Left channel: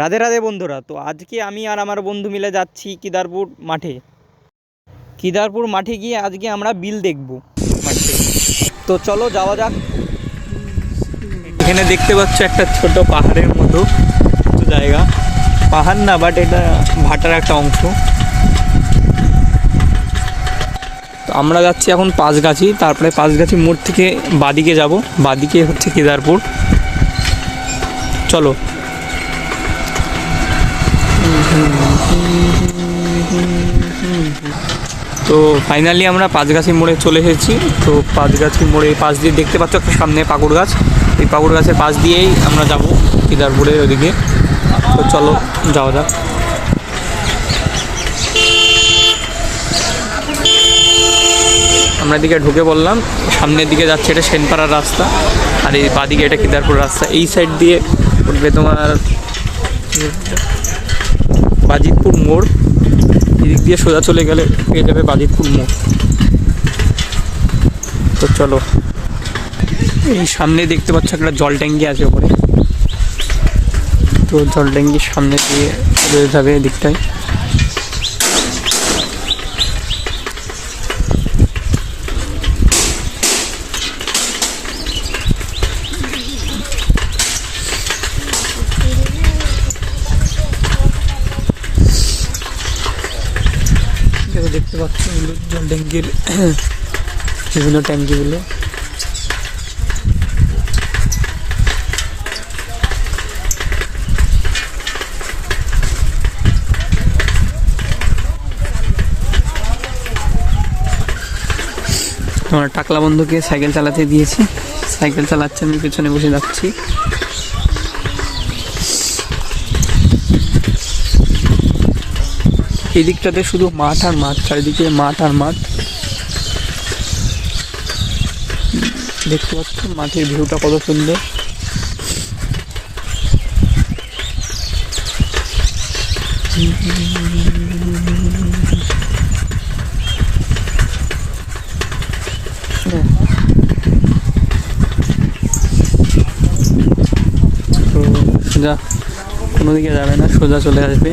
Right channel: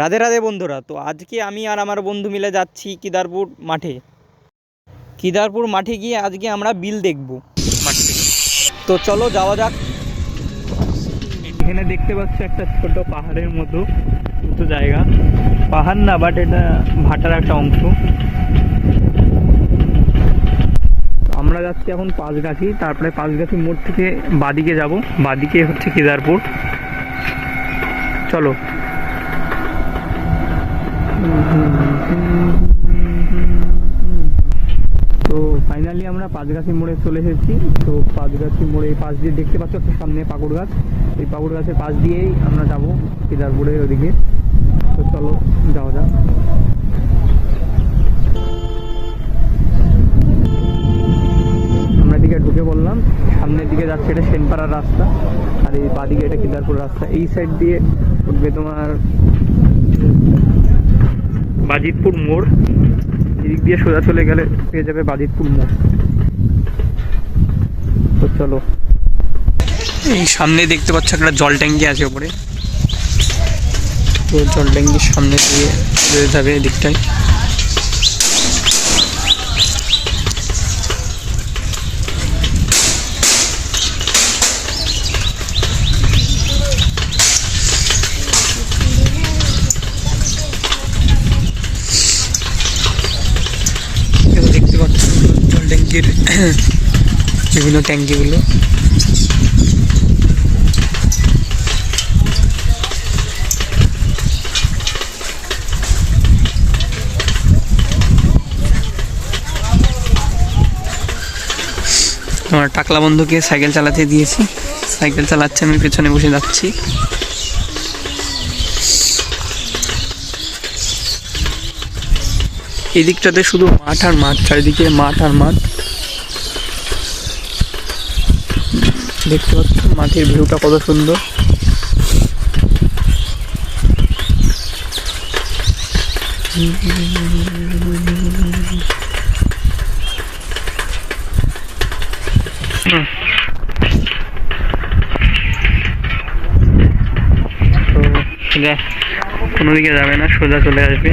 রাধে রাধে বন্ধুরা। তো আজকে আমি আর আমার বন্ধু মিলে যাচ্ছি কেদারপুর মাঠে। কেদারপুর মাঠে গিয়ে আজকে আমরা বিল দেখব মাঠ থেকে। তো চলো যাওয়া যাক। এখানে দেখতে পাচ্ছ একটা ছোট পাহাড়ের মতো তো জায়গা, পাহাড় না বাট এটা ভাটার একটা অংশ। তো আমরা যাচ্ছি এখন পাঁচগাছি, তারপরে পাঁচগাছি মোড় থেকে বাদিকে যাব, বাদিকে হচ্ছে কেদারপুর। চলো। তো ফাইনালি আমরা পাঁচগাছি মোড়ে চলে এসেছি। তো পাঁচগাছি মোড়ে পাশ দিয়ে দেখতে পাচ্ছ একটা সামনে পাকুড় গাছ, এই পাকুড় গাছের পাশ দিয়েই আমরা যাব কেদারপুরের ওদিকে। তো চলো যাওয়া যাক। আমরা এদিকে ঢুকে পড়লাম, সামনের দিকে যাচ্ছে এটা সেনপাড়ার রাস্তা, আর এই বাদিকে এটা কেদারপুর রাস্তা। এই সাইড দিয়ে উঠবে তোমার বাজিতপুর মোড়, এদিক দিয়ে সোজা চলে গেলে পেয়ে যাবে বাজিতপুর মোড়। তো চলো, এই সামনে দেখতে পাচ্ছ একটা জল ট্যাঙ্কি আছে ওপরে, তো জল ট্যাঙ্কির সামনে দিয়ে রয়ে যাবে এদিকটায়। দেখতে পাচ্ছ জল ট্যাঙ্কির বিভিন্ন ট্যাঙ্কিগুলো। আমার টাকলা বন্ধুকে সাইকেল চালাতে দিয়েছে, সাইকেল চালাচ্ছে, আমি পেছনে বসে যাচ্ছি। এই দিকটাতে শুধু মাঠ আর মাঠ, চারিদিকে মাঠ আর মাঠ। দেখতে পাচ্ছ মাঠের ভিউটা কত সুন্দর। সোজা কোনো দিকে যাবে না, সোজা চলে আসবে।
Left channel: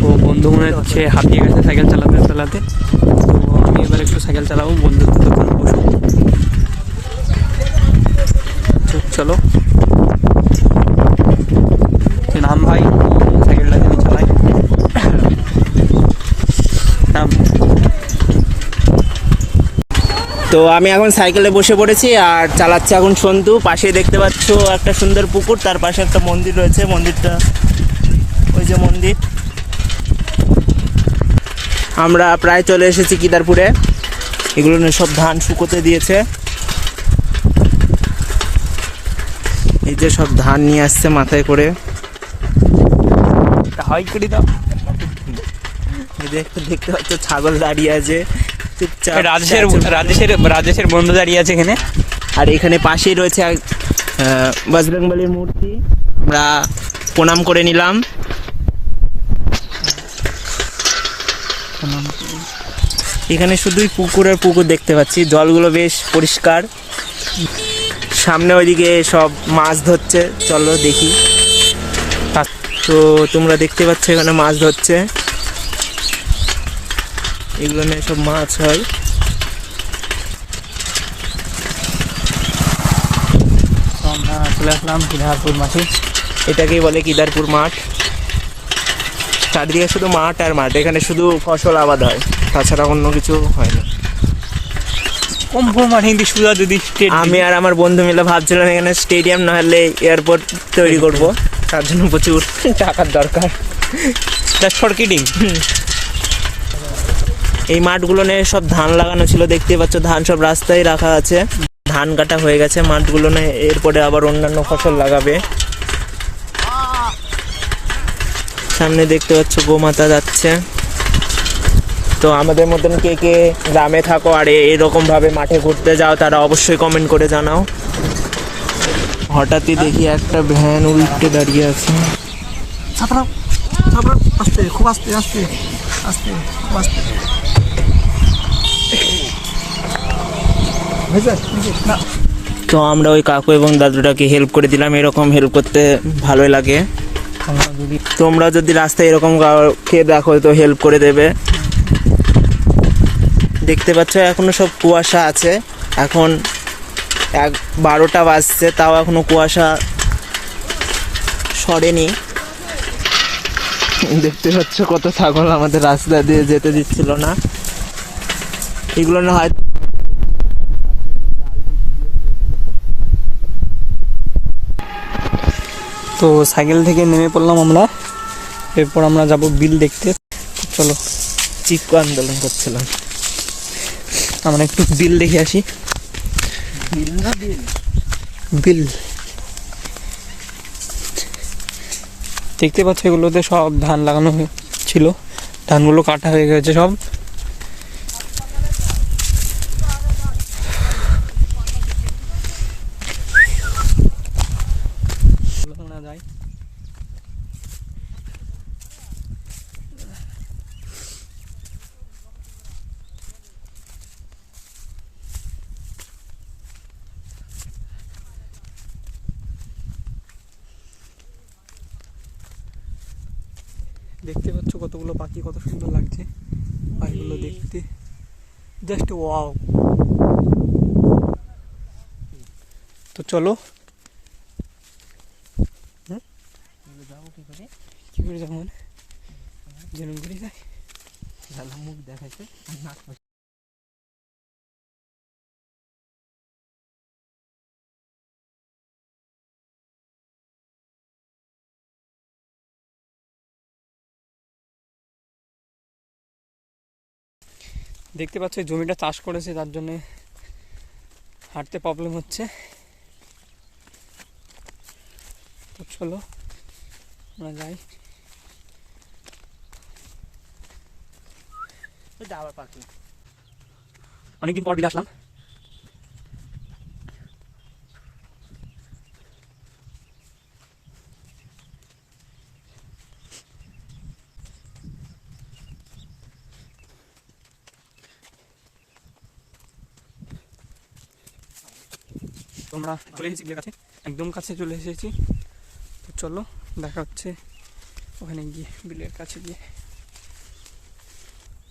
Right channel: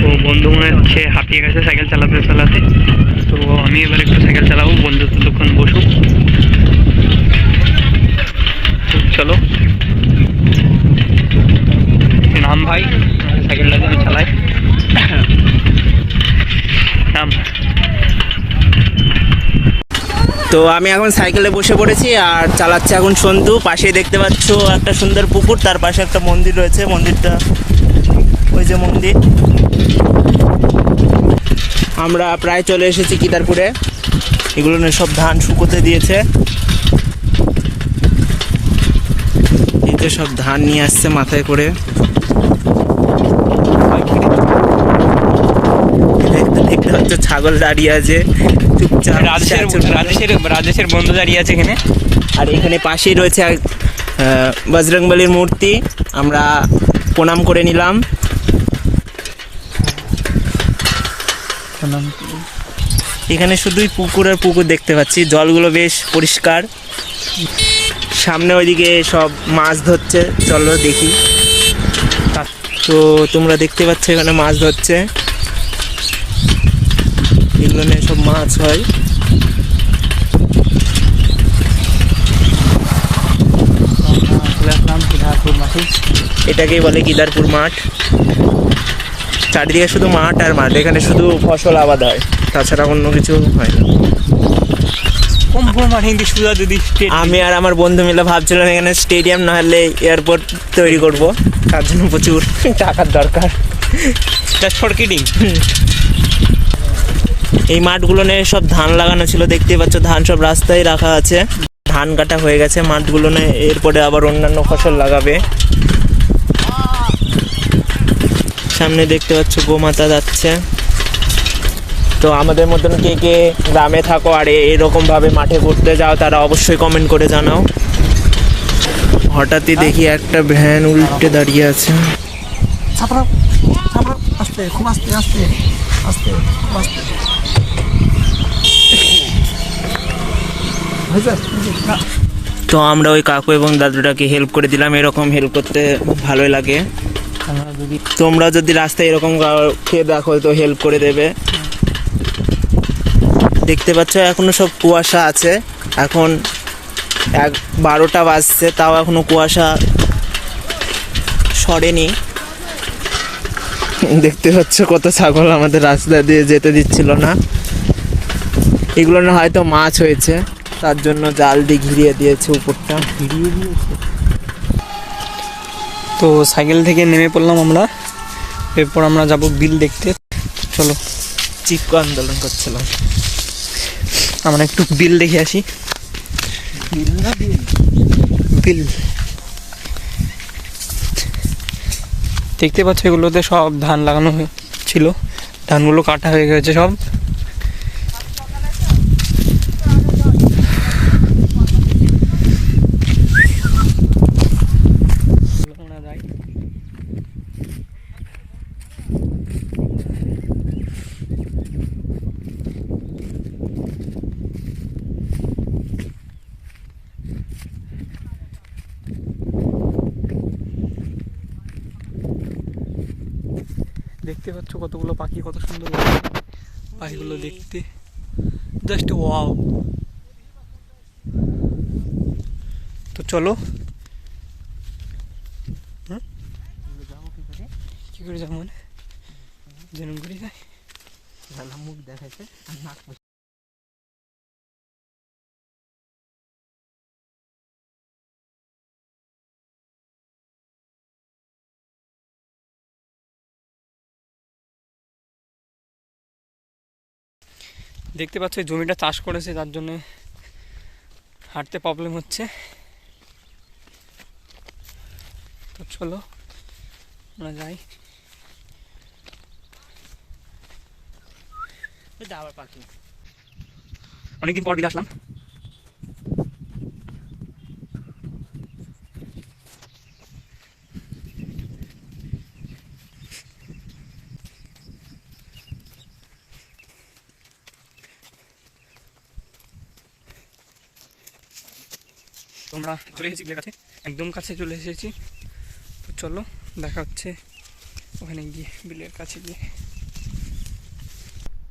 তো বন্ধু মনে হচ্ছে হাঁপিয়ে গেছে সাইকেল চালাতে চালাতে, তো আমি এবার একটু সাইকেল চালাবো, বন্ধু ততক্ষণ বসুক। চলো নাম ভাই, সাইকেলটা তুমি চালাই নাম। তো আমি এখন সাইকেলে বসে পড়েছি আর চালাচ্ছে এখন সন্তু। পাশে দেখতে পাচ্ছ একটা সুন্দর পুকুর, তার পাশে একটা মন্দির রয়েছে, মন্দিরটা ওই যে মন্দির। আমরা প্রায় চলে এসেছি কেদারপুরে। এগুলো নিয়ে সব ধান শুকোতে দিয়েছে, এই যে সব ধান নিয়ে আসছে মাথায় করে। দেখতে পাচ্ছ ছাগল দাঁড়িয়ে আছে চুপচাপ, রাজেশের বন্ধু দাঁড়িয়ে আছে এখানে। আর এখানে পাশেই রয়েছে বজরংবলীর মূর্তি, আমরা প্রণাম করে নিলাম। এখানে শুধুই পুকুর আর পুকুর দেখতে পাচ্ছি, জলগুলো বেশ পরিষ্কার। সামনে ওইদিকে সব মাছ ধরছে, চলো দেখি। তো তোমরা দেখতে পাচ্ছ এখানে মাছ ধরছে, এগুলো নিয়ে সব মাছ হয়। এটাকেই বলে কেদারপুর মাঠ। চারিদিকে শুধু মাঠ আর মাঠ, এখানে শুধু ফসল আবাদ হয়, তাছাড়া অন্য কিছু হয় না। আমি আর আমার বন্ধু মিলে ভাবছিলাম এখানে স্টেডিয়াম না হলে এয়ারপোর্ট তৈরি করব, তার জন্য প্রচুর টাকার দরকার। এই মাঠগুলো নিয়ে সব ধান লাগানো ছিল, দেখতে পাচ্ছ ধান সব রাস্তায় রাখা আছে। ধান কাটা হয়ে গেছে মাঠগুলো নিয়ে, এরপরে আবার অন্যান্য ফসল লাগাবে। সামনে দেখতে পাচ্ছ গোমাতা যাচ্ছে। তো আমাদের মতন কে কে গ্রামে থাকো আর এরকম ভাবে মাঠে ঘুরতে যাও, তারা অবশ্যই কমেন্ট করে জানাও। হঠাৎই দেখি একটা ভ্যান উল্টে দাঁড়িয়ে আছে। খুব আস্তে আস্তে আস্তে খুব আস্তে। তো তো আমরা ওই কাকু এবং দাদুটাকে হেল্প করে দিলাম, এরকম হেল্প করতে ভালোই লাগে। তোমরা যদি রাস্তায় এরকম কাউকে দেখো তো হেল্প করে দেবে। দেখতে পাচ্ছ এখনো সব কুয়াশা আছে, এখন 12টা বাজছে, তাও এখনো কুয়াশা সরেনি। দেখতে পাচ্ছ কত ছাগল আমাদের রাস্তা দিয়ে যেতে দিচ্ছিল না। এগুলো না হয়তো মাছ হয়েছে, তার জন্য জাল দিয়ে ঘিরিয়ে দিয়েছে উপরটা। তো সাইকেল থেকে নেমে পড়লাম আমরা, এরপর আমরা যাব বিল দেখতে। চলো, চিক্কু আন্দোলন করছিলাম, আমরা একটু বিল দেখে আসি। বিল দেখতে পাচ্ছ, এগুলোতে সব ধান লাগানো ছিল, ধানগুলো কাটা হয়ে গেছে সব। আমরা যাই। দেখতে পাচ্ছ কতগুলো পাখি, কত সুন্দর লাগছে পাখিগুলো দেখতে, জাস্ট ওয়াও। তো চলো, কি করে যাবো মানে যেরকম করে যাই, মুখ দেখাচ্ছে। দেখতে পাচ্ছ এই জমিটা চাষ করেছে, তার জন্য হাঁটতে প্রবলেম হচ্ছে। তো চলো আমরা যাই। অনেকদিন পর বিলে আসলাম। তোমরা চলে এসেছি বিলের কাছে, একদম কাছে চলে এসেছি। তো চলো দেখা হচ্ছে ওখানে গিয়ে, বিলের কাছে গিয়ে।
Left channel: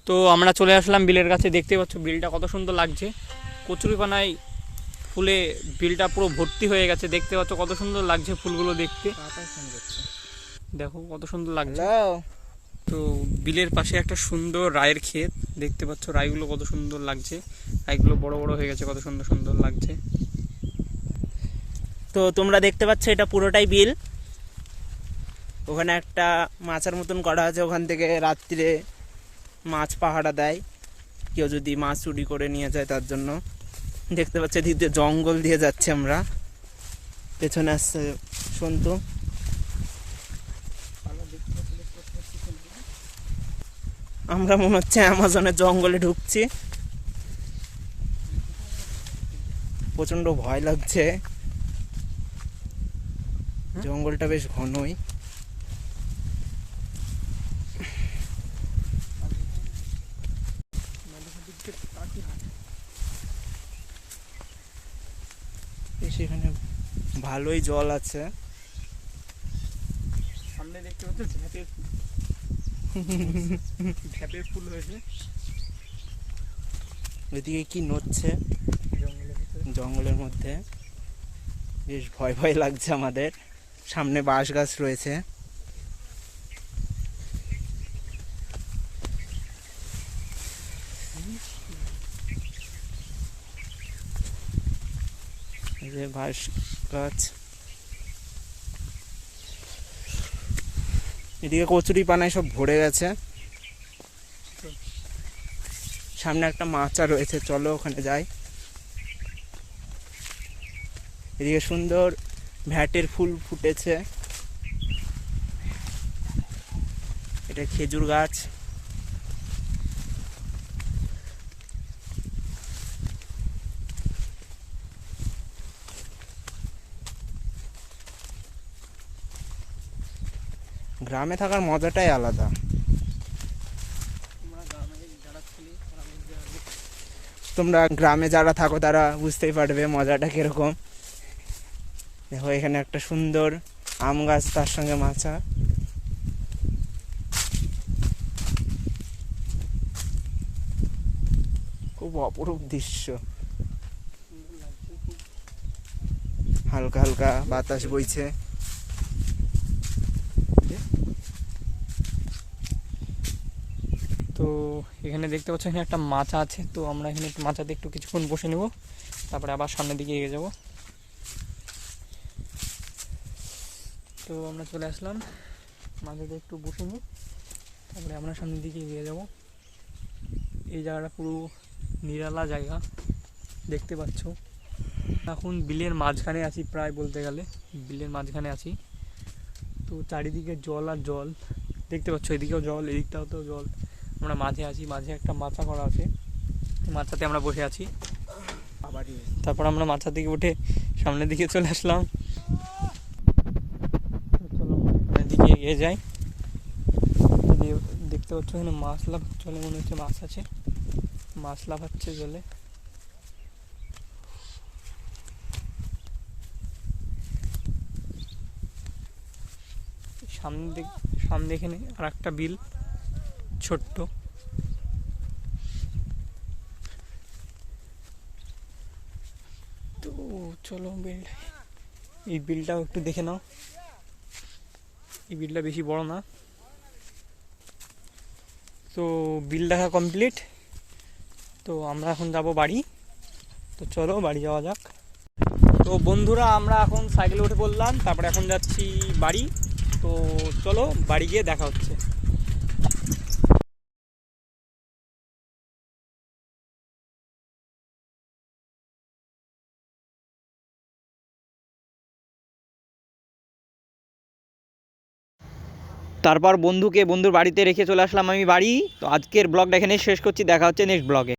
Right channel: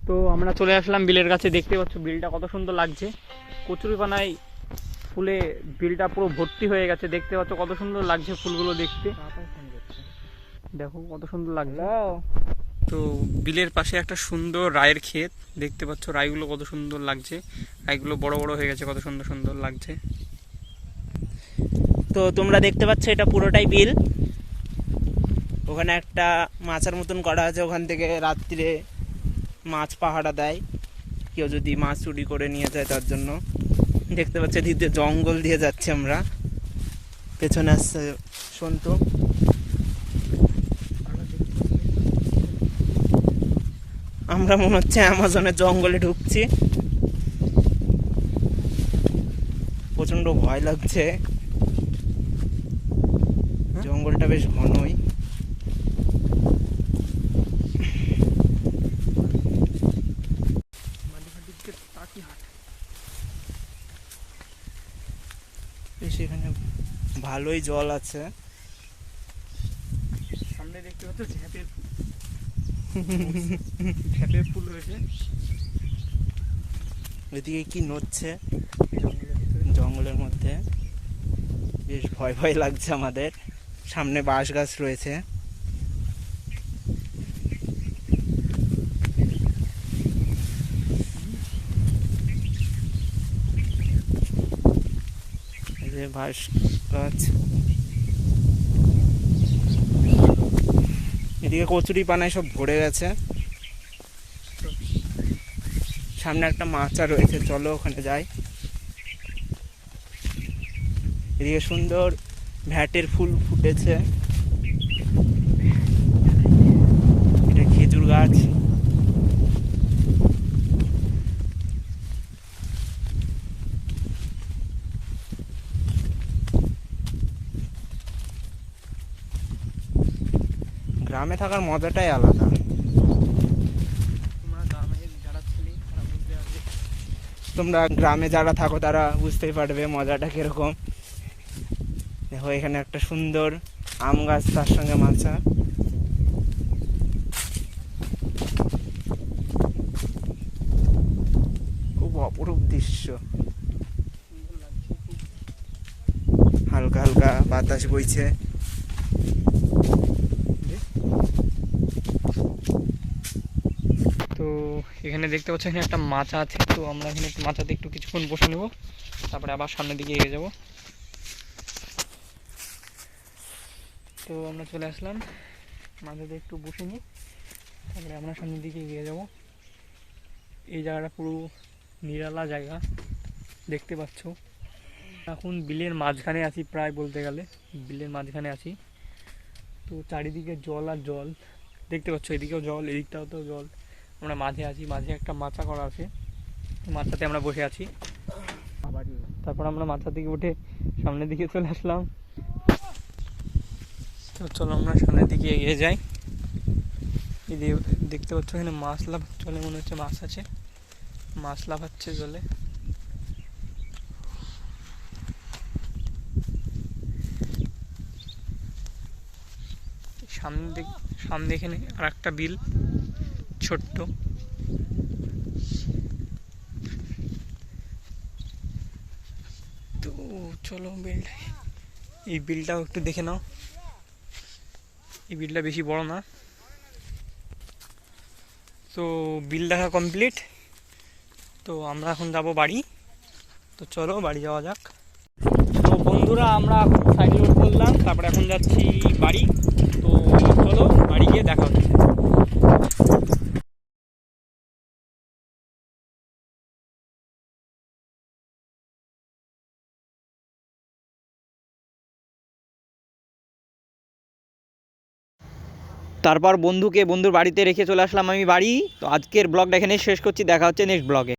তো আমরা চলে আসলাম বিলের কাছে। দেখতে পাচ্ছ বিলটা কত সুন্দর লাগছে, কচুরিপানায় ফুলে বিলটা পুরো ভর্তি হয়ে গেছে। দেখতে পাচ্ছ কত সুন্দর লাগছে ফুলগুলো দেখতে, দেখো কত সুন্দর লাগছে। তো বিলের পাশে একটা সুন্দর রায়ের ক্ষেত, দেখতে পাচ্ছ রায়গুলো কত সুন্দর লাগছে, রায়গুলো বড় বড় হয়ে গেছে, কত সুন্দর সুন্দর লাগছে। তো তোমরা দেখতে পাচ্ছ এটা পুরোটাই বিল। ওখানে একটা মাচার মতন করা আছে, ওখান থেকে রাত্রে মাছ পাহারা দেয়, কেউ যদি মাছ চুরি করে নিয়ে যায় তার জন্য। দেখতে পাচ্ছি এদিকে জঙ্গল দিয়ে যাচ্ছে আমরা, পেছনে আসছে সন্তু। আমরা মনে হচ্ছে অ্যামাজনের জঙ্গলে ঢুকছি, প্রচন্ড ভয় লাগছে, জঙ্গলটা বেশ ঘনই। সেখানে ভালোই জল আছে। সামনে দেখতে পাচ্ছ ঝাঁপের ফুল রয়েছে। ওইদিকে কি নড়ছে জঙ্গলের মধ্যে, বেশ ভয় ভয় লাগছে আমাদের। সামনে বাঁশ গাছ রয়েছে। এই যে বাঁশ গাছ, এদিকে কচুরি পানায় সব ভরে গেছে। সামনে একটা মাচা রয়েছে, চলো ওখানে যাই। এদিকে সুন্দর ভ্যাটের ফুল ফুটেছে, এটা খেজুর গাছ। গ্রামে থাকার মজাটাই আলাদা। তোমরা গ্রামে যারা থাকো তারা বুঝতেই পারবে মজাটা কিরকম। দেখো এখানে একটা সুন্দর আম গাছ, তার সঙ্গে মাছা। খুব অপরূপ দৃশ্য, হালকা হালকা বাতাস বইছে। তো এখানে দেখতে পাচ্ছ এখানে একটা মাচা আছে, তো আমরা এখানে একটু মাচাতে একটু কিছুক্ষণ বসে নেব, তারপরে আবার সামনের দিকে এগিয়ে যাব। তো আমরা চলে আসলাম, মাচাতে একটু বসে নিই, তারপরে আমরা সামনের দিকে এগিয়ে যাব। এই জায়গাটা পুরো নিরালা জায়গা দেখতে পাচ্ছ। এখন বিলের মাঝখানে আছি, প্রায় বলতে গেলে বিলের মাঝখানে আছি। তো চারিদিকে জল আর জল দেখতে পাচ্ছ, এদিকেও জল, এদিকটাও তো জল। আমরা মাঝে আছি, মাঝে একটা মাচা করা আছে, মাচাতে আমরা বসে আছি। তারপর আমরা মাচা থেকে উঠে সামনের দিকে চলে আসলাম। তো চলো আমরা সামনের দিকে এগিয়ে যাই। দেখতে পাচ্ছ এখানে মাছ লাফ চলে, মনে হচ্ছে মাছ আছে, মাছ লাফাচ্ছে জলে। সামনে এখানে আর একটা বিল ছোট্ট। তো চলো বিলটা, এই বিলটাও একটু দেখে নাও। এই বিলটা বেশি বড় না। তো বিল দেখা কমপ্লিট। তো আমরা এখন যাব বাড়ি। তো চলো বাড়ি যাওয়া যাক। তো বন্ধুরা আমরা এখন সাইকেল উঠে পড়লাম, তারপরে এখন যাচ্ছি বাড়ি। তো চলো বাড়ি গিয়ে দেখা হচ্ছে। তারপর বন্ধুকে বন্ধুর বাড়িতে রেখে চলে আসলাম আমি বাড়ি। তো আজকের ব্লগটা এখানে শেষ করছি, দেখা হচ্ছে নেক্সট ব্লগে।